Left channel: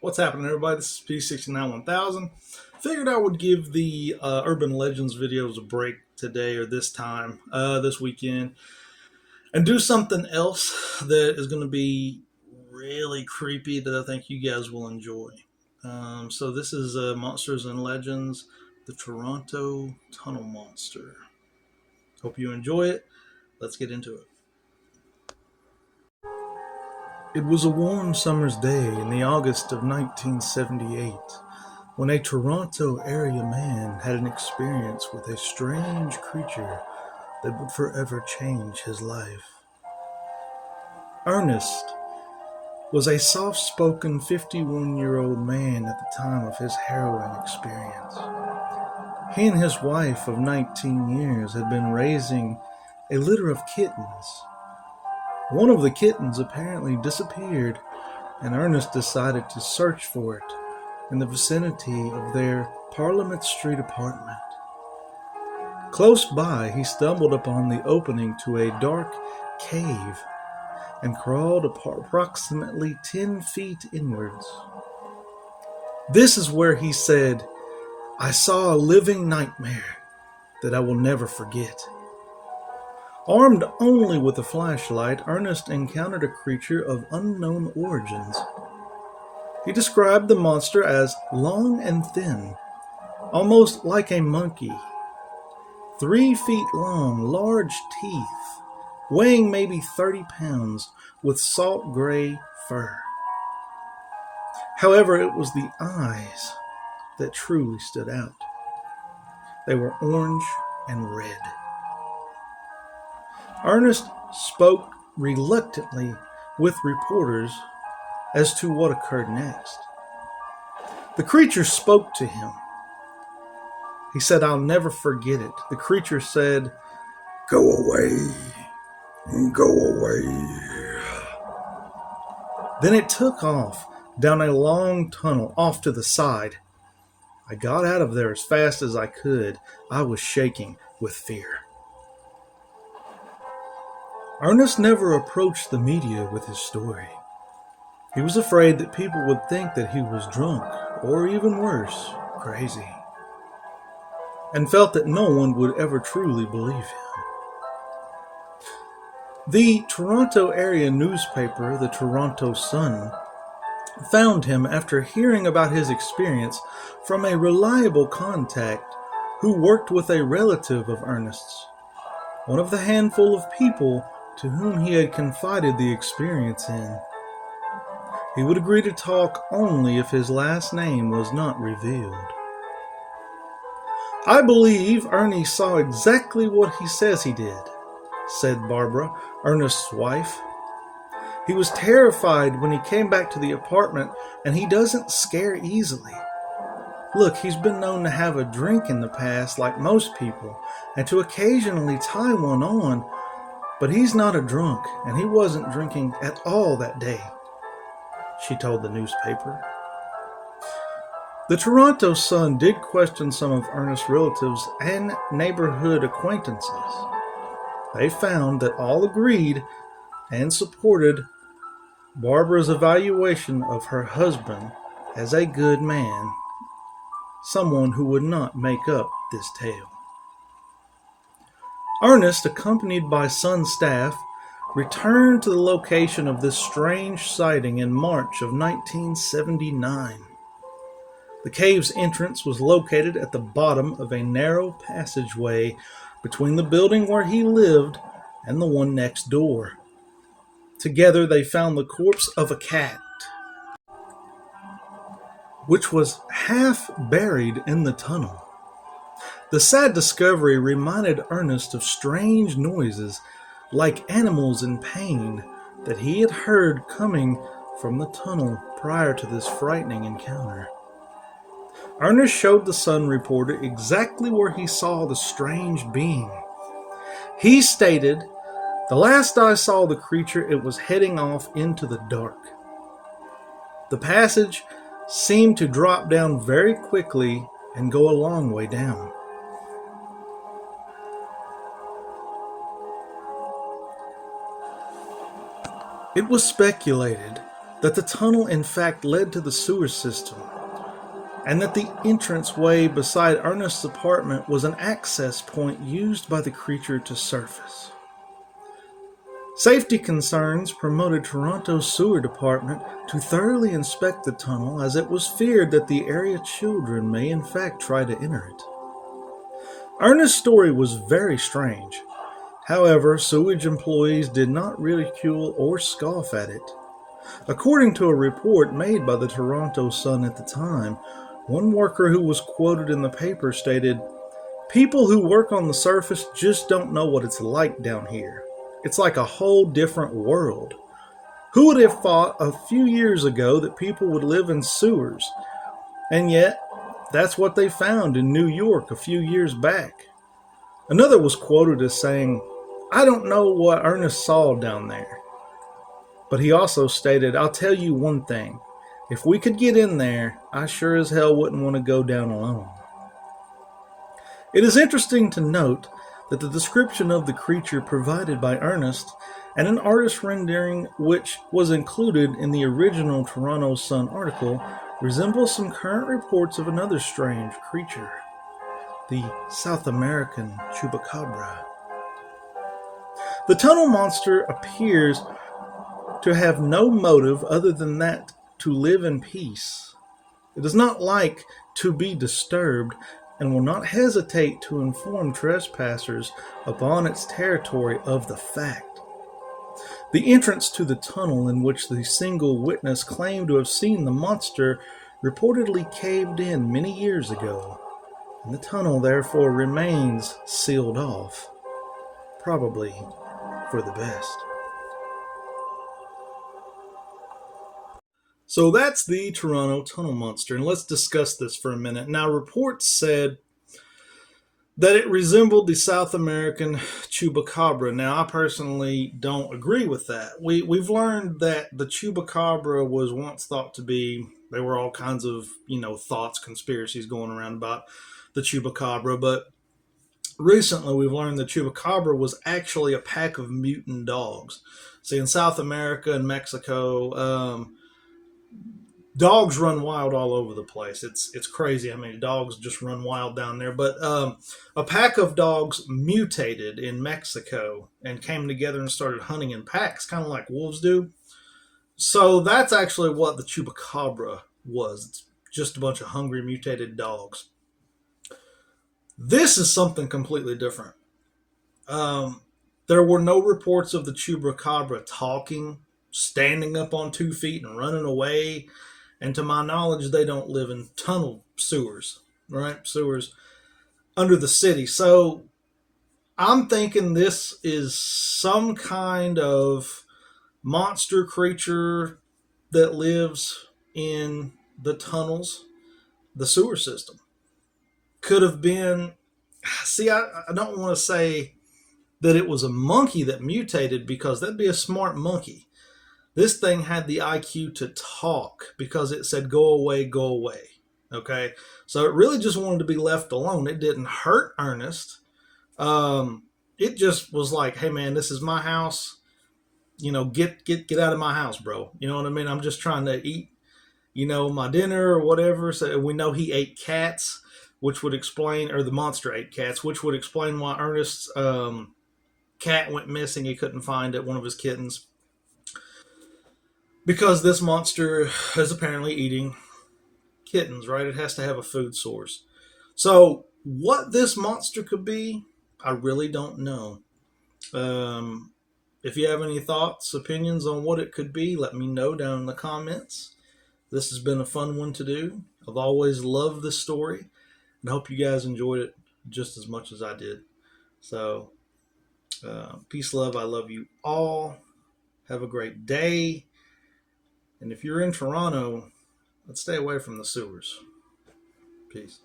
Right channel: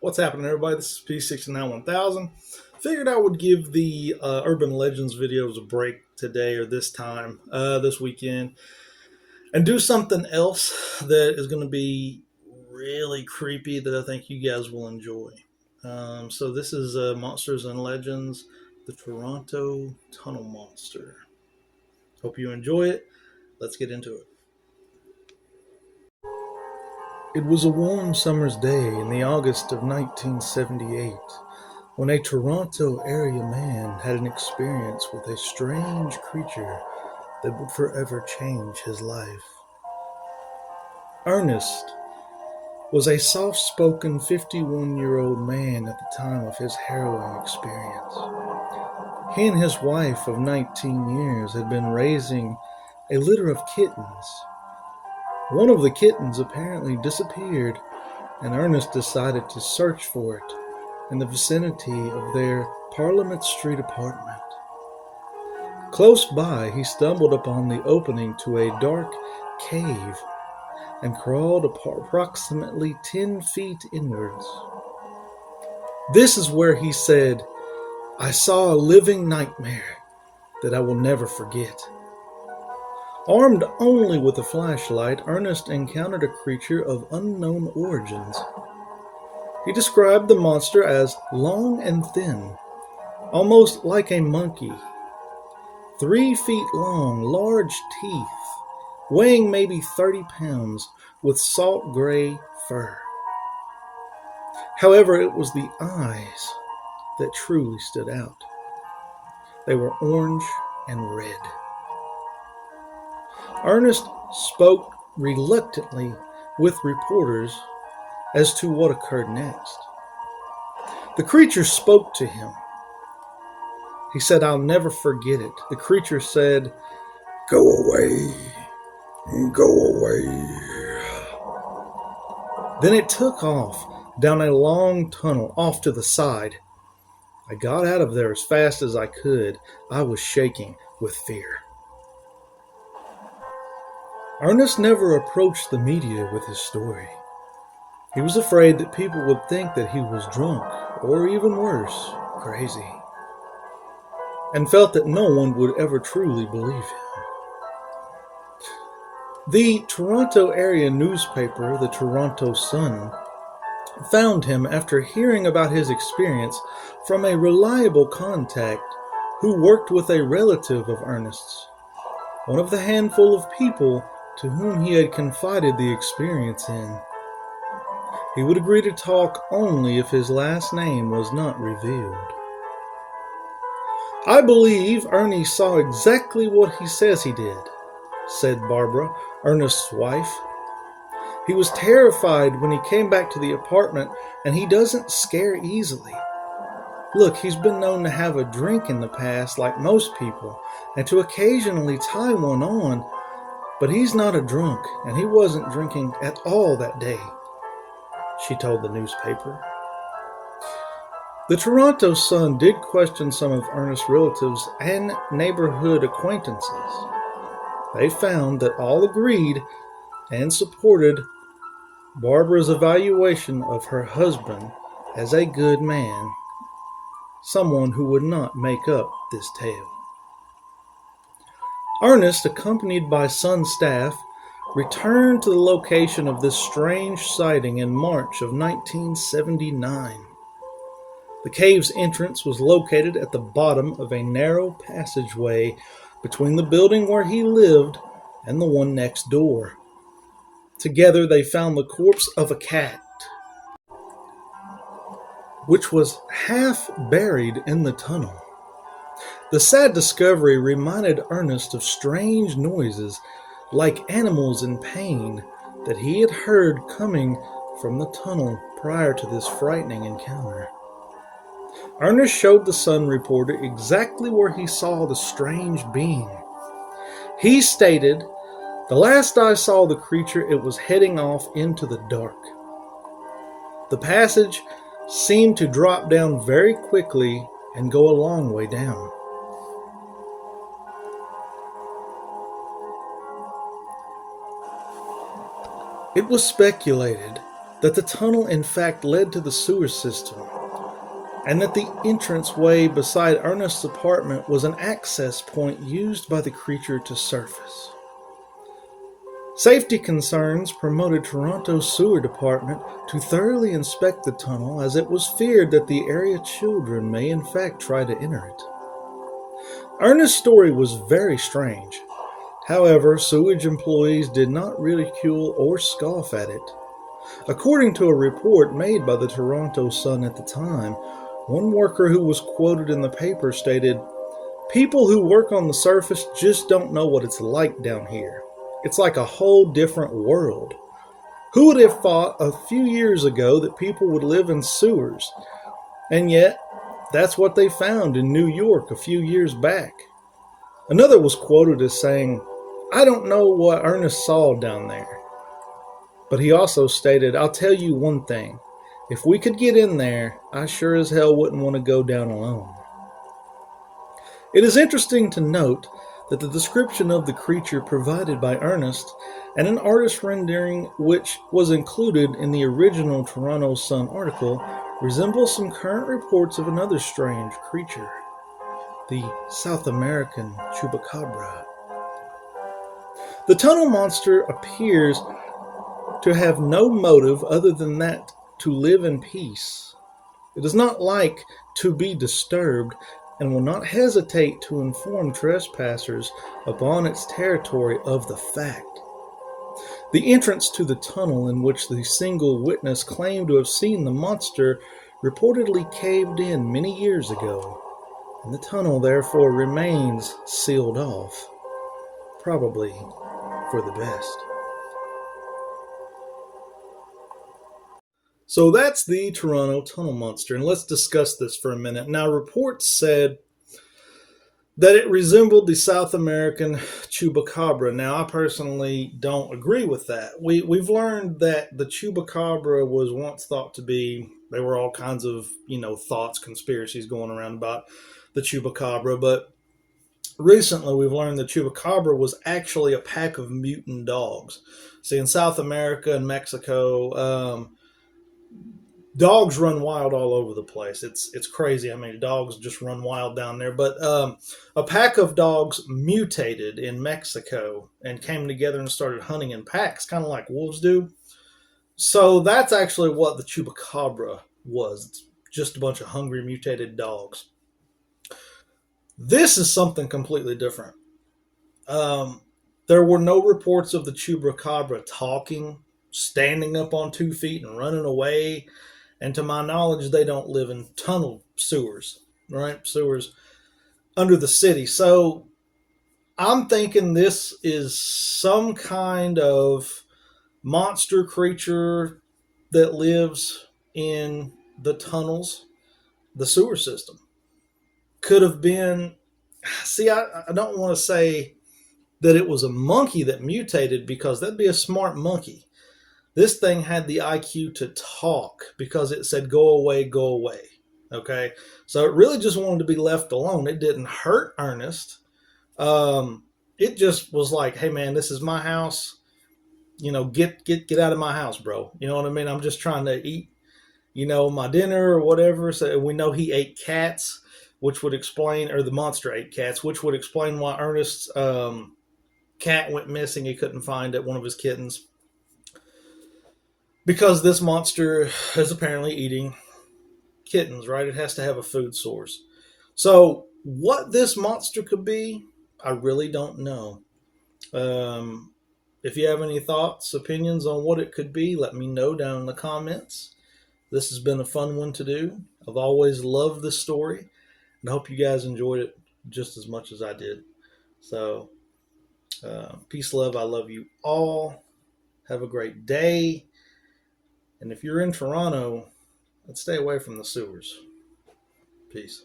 What's happening, everybody? This is P691000. Figured I would give the Urban Legends videos a break today or this time, this weekend, and do something else that is going to be really creepy that I think you guys will enjoy. So this is Monsters and Legends, the Toronto Tunnel Monster. Hope you enjoy it. Let's get into it. It was a warm summer's day in the August of 1978 when a Toronto area man had an experience with a strange creature that would forever change his life. Ernest was a soft-spoken 51-year-old man at the time of his harrowing experience. He and his wife of 19 years had been raising a litter of kittens. One of the kittens apparently disappeared, and Ernest decided to search for it in the vicinity of their Parliament Street apartment. Close by, he stumbled upon the opening to a dark cave and crawled approximately 10 feet inwards. This is where he said, "I saw a living nightmare that I will never forget." Armed only with a flashlight, Ernest encountered a creature of unknown origins. He described the monster as long and thin, almost like a monkey. 3 feet long, large teeth, weighing maybe 30 pounds, with salt gray fur. However, it was the eyes that truly stood out. They were orange and red. Ernest spoke reluctantly with reporters as to what occurred next. The creature spoke to him. He said, "I'll never forget it." The creature said, "Go away, go away." Then it took off down a long tunnel off to the side. I got out of there as fast as I could. I was shaking with fear. Ernest never approached the media with his story. He was afraid that people would think that he was drunk, or even worse, crazy, and felt that no one would ever truly believe him. The Toronto area newspaper, the Toronto Sun, found him after hearing about his experience from a reliable contact who worked with a relative of Ernest's, one of the handful of people to whom he had confided the experience in. He would agree to talk only if his last name was not revealed. "I believe Ernie saw exactly what he says he did," said Barbara, Ernest's wife. "He was terrified when he came back to the apartment, and he doesn't scare easily. Look, he's been known to have a drink in the past like most people, and to occasionally tie one on, but he's not a drunk, and he wasn't drinking at all that day," she told the newspaper. The Toronto Sun did question some of Ernest's relatives and neighborhood acquaintances. They found that all agreed and supported Barbara's evaluation of her husband as a good man, someone who would not make up this tale. Ernest, accompanied by Sun staff, returned to the location of this strange sighting in March of 1979. The cave's entrance was located at the bottom of a narrow passageway between the building where he lived and the one next door. Together they found the corpse of a cat, which was half buried in the tunnel. The sad discovery reminded Ernest of strange noises, like animals in pain, that he had heard coming from the tunnel prior to this frightening encounter. Ernest showed the Sun reporter exactly where he saw the strange being. He stated, "The last I saw the creature, it was heading off into the dark. The passage seemed to drop down very quickly and go a long way down. It was speculated that the tunnel in fact led to the sewer system, and that the entranceway beside Ernest's apartment was an access point used by the creature to surface. Safety concerns promoted Toronto's sewer department to thoroughly inspect the tunnel, as it was feared that the area children may in fact try to enter it. Ernest's story was very strange. However, sewage employees did not ridicule or scoff at it. According to a report made by the Toronto Sun at the time, one worker who was quoted in the paper stated, "People who work on the surface just don't know what it's like down here. It's like a whole different world. Who would have thought a few years ago that people would live in sewers? And yet, that's what they found in New York a few years back." Another was quoted as saying, "I don't know what Ernest saw down there." But he also stated, "I'll tell you one thing. If we could get in there, I sure as hell wouldn't want to go down alone." It is interesting to note that the description of the creature provided by Ernest and an artist rendering which was included in the original Toronto Sun article resembles some current reports of another strange creature, the South American Chupacabra. The tunnel monster appears to have no motive other than that to live in peace. It does not like to be disturbed and will not hesitate to inform trespassers upon its territory of the fact. The entrance to the tunnel, in which the single witness claimed to have seen the monster, reportedly caved in many years ago, and the tunnel therefore remains sealed off, probably for the best. So that's the Toronto Tunnel Monster, and let's discuss this for a minute. Now, reports said that it resembled the South American Chupacabra. Now, I personally don't agree with that. We've learned that the Chupacabra was once thought to be, there were all kinds of, thoughts, conspiracies going around about the Chupacabra, but recently we've learned the Chupacabra was actually a pack of mutant dogs. See, in South America and Mexico, dogs run wild all over the place. It's crazy. I mean, dogs just run wild down there. But a pack of dogs mutated in Mexico and came together and started hunting in packs, kind of like wolves do. So that's actually what the Chupacabra was. It's just a bunch of hungry, mutated dogs. This is something completely different. There were no reports of the Chupacabra talking, standing up on 2 feet and running away. And to my knowledge, they don't live in tunnel sewers, right? Sewers under the city. So I'm thinking this is some kind of monster creature that lives in the tunnels, the sewer system. Could have been, see, I don't want to say that it was a monkey that mutated, because that'd be a smart monkey. This thing had the IQ to talk, because it said, "Go away, go away." Okay? So it really just wanted to be left alone. It didn't hurt Ernest. It just was like, "Hey man, this is my house. Get out of my house, bro." You know what I mean? I'm just trying to eat, my dinner or whatever. So we know he ate cats, which would explain, or the monster ate cats, which would explain why Ernest's cat went missing. He couldn't find it, one of his kittens. Because this monster is apparently eating kittens, right? It has to have a food source. So, what this monster could be, I really don't know. If you have any thoughts, opinions on what it could be, let me know down in the comments. This has been a fun one to do. I've always loved this story, and I hope you guys enjoyed it just as much as I did. So, peace, love. I love you all. Have a great day. And if you're in Toronto, let's stay away from the sewers. Peace.